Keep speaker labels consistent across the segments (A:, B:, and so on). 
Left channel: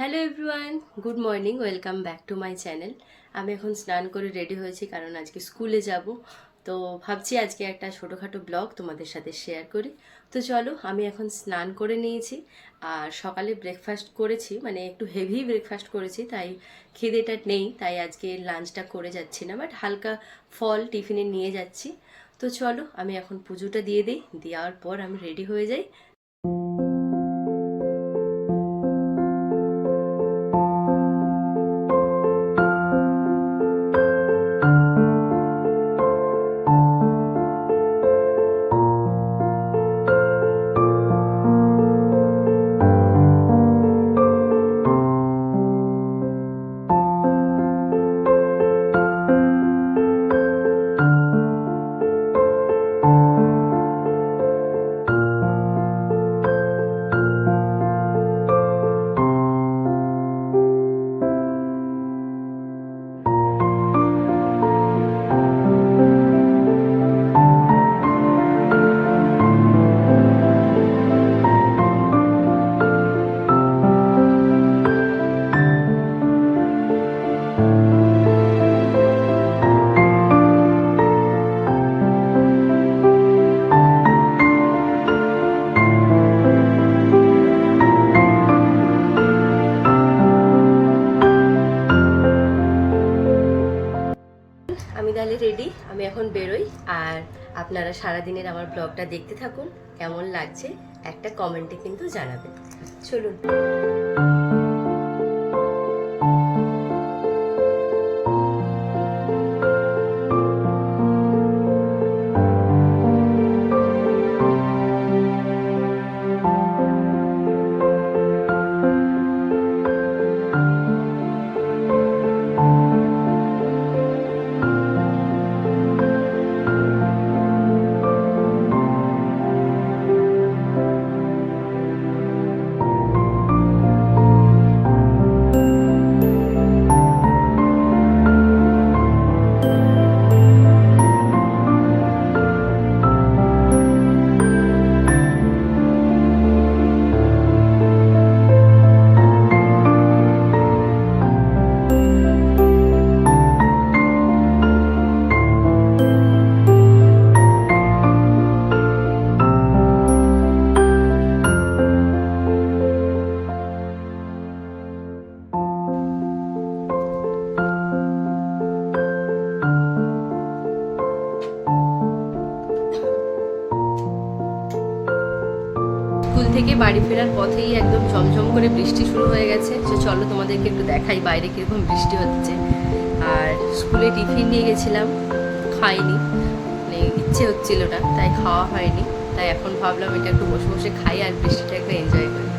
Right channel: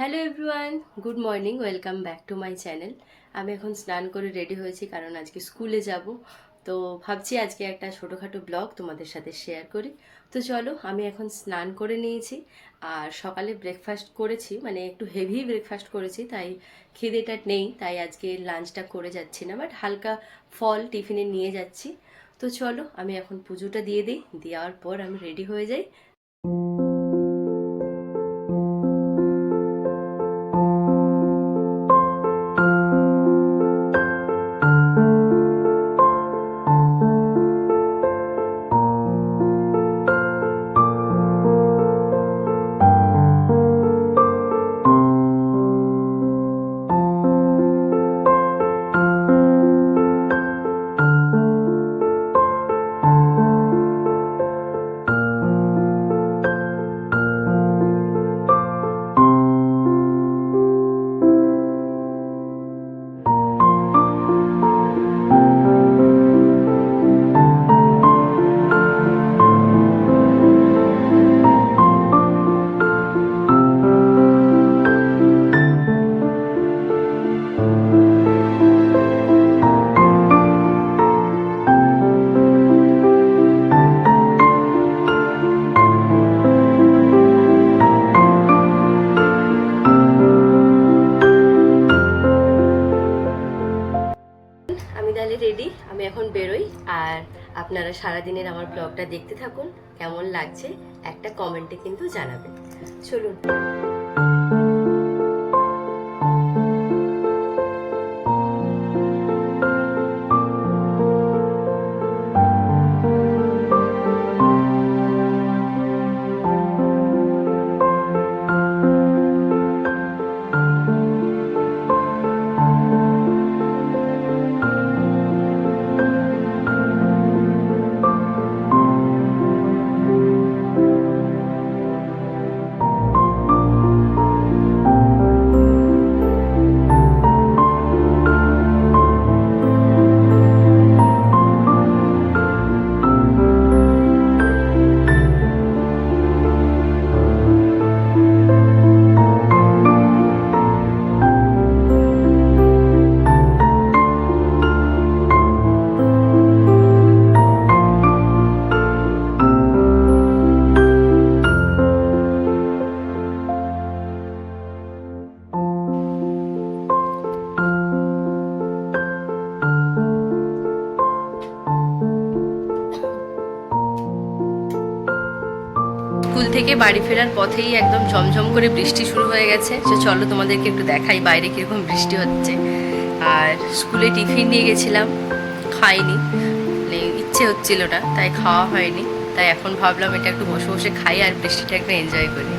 A: Hello everyone good morning welcome back to my channel আমি এখন স্নান করে রেডি হয়েছি কারণ আজকে স্কুলে যাব। তো ভাবছি আজকে একটা ছোটোখাটো ব্লগ তোমাদের সাথে শেয়ার করি। তো চলো, আমি এখন স্নান করে নিয়েছি আর সকালে ব্রেকফাস্ট করেছি মানে একটু হেভি ব্রেকফাস্ট করেছি, তাই খিদেটা নেই, তাই আজকে লাঞ্চটা করে যাচ্ছি না বাট হালকা ফল টিফিনে নিয়ে যাচ্ছি। তো চলো, আমি এখন পুজোটা দিয়ে দিই, দেওয়ার পর আমি রেডি হয়ে যাই। রেডি, আমি এখন বেরোই। আর আপনারা সারাদিনের আমার ব্লগটা দেখতে থাকুন, কেমন লাগছে একটা কমেন্টে কিন্তু জানাবেন। চলুন। স্কুল থেকে বাড়ি ফেরার পথেই একদম ঝমঝম করে বৃষ্টি শুরু হয়ে গেছে। তো চলো তোমাদেরকে একটু দেখাই বাইরে কীরকম বৃষ্টি হচ্ছে। আর স্কুলে টিফিন নিয়ে গেছিলাম, খাইনি। মানে ইচ্ছে হচ্ছিল না, তাই খাওয়া হয়নি। তাই এখন ভাবলাম এটা একটু বসে বসে খাই আর বৃষ্টিটা একটু এনজয় করি।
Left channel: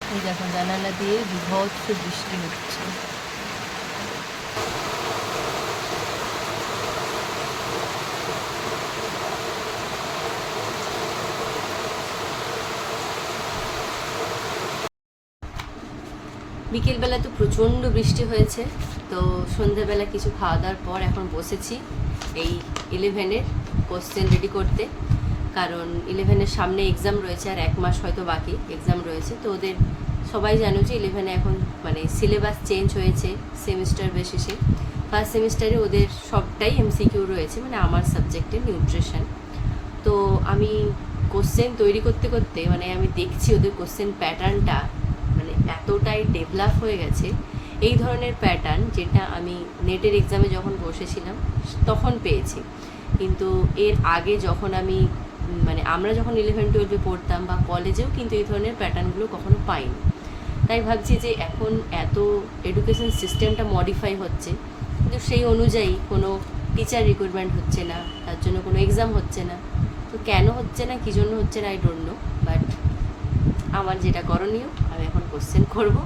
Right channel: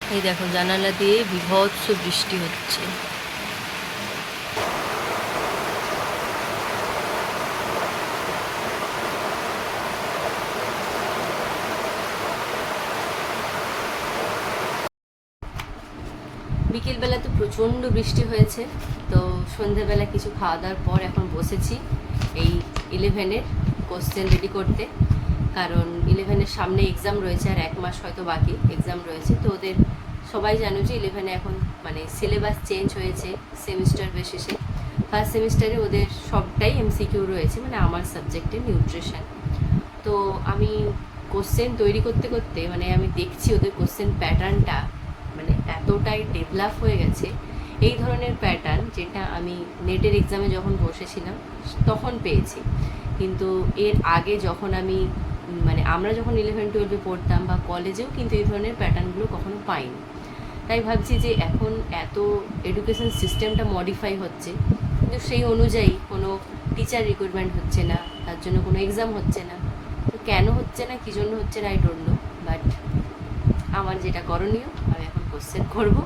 A: এই দেখো জানালা দিয়ে বিভৎস বৃষ্টি হচ্ছে। বিকেলবেলা তো প্রচণ্ড বৃষ্টি হয়েছে, তো সন্ধেবেলা কিছু খাওয়া দাওয়ার পর এখন বসেছি এই ইলেভেনের কোশ্চেন রেডি করতে। কারণ ইলেভেনের সামনে এক্সাম রয়েছে আর এক মাস হয়তো বাকি এক্সাম রয়েছে, তো ওদের সবাই জানো যে ইলেভেনে এখন মানে সিলেবাস চেঞ্জ হয়েছে সেমিস্টার বেসিসে ফার্স্ট সেমিস্টারে ওদের সবটাই এমসিকিউ রয়েছে মানে আমার সাবজেক্টে নিউট্রিশন তো আমি কোশ্চেন তৈরি করতে করতে মানে আমি দেখছি ওদের কোশ্চেন প্যাটার্নটা এতটাই ডেভেলপ হয়ে গেছে, এই ধরনের প্যাটার্ন যেটা আমি নেটের এক্সামে যখন বসেছিলাম, তখন পেয়েছি। কিন্তু এর আগে যখন আমি মানে আমরা যখন ইলেভেন টুয়েলভে পড়তাম বা কলেজেও কিন্তু এই ধরনের প্যাটার্নগুলো কখনো পাইনি। তাই ভাবছি যে এখন এত এডুকেশন সিস্টেমটা মডিফাই হচ্ছে, কিন্তু সেই অনুযায়ী কোনো টিচার রিক্রুটমেন্ট হচ্ছে না, তার জন্য কোনো এক্সাম হচ্ছে না। তো কেন হচ্ছে না, কী জন্য হচ্ছে না আই ডোন্ট নো বাট আমার যেটা করণীয়, আমি এখন কোশ্চেন করব।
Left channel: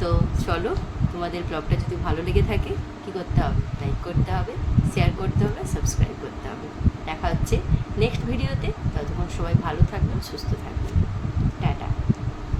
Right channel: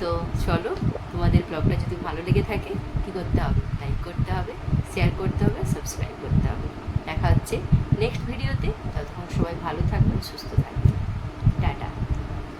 A: তো চলো, তোমাদের ব্লগটা যদি ভালো লেগে থাকে, কি করতে হবে? লাইক করতে হবে শেয়ার করতে হবে সাবস্ক্রাইব করতে হবে। দেখা হচ্ছে নেক্সট ভিডিওতে ততক্ষণ সবাই ভালো থাকবেন, সুস্থ থাকবেন। টাটা।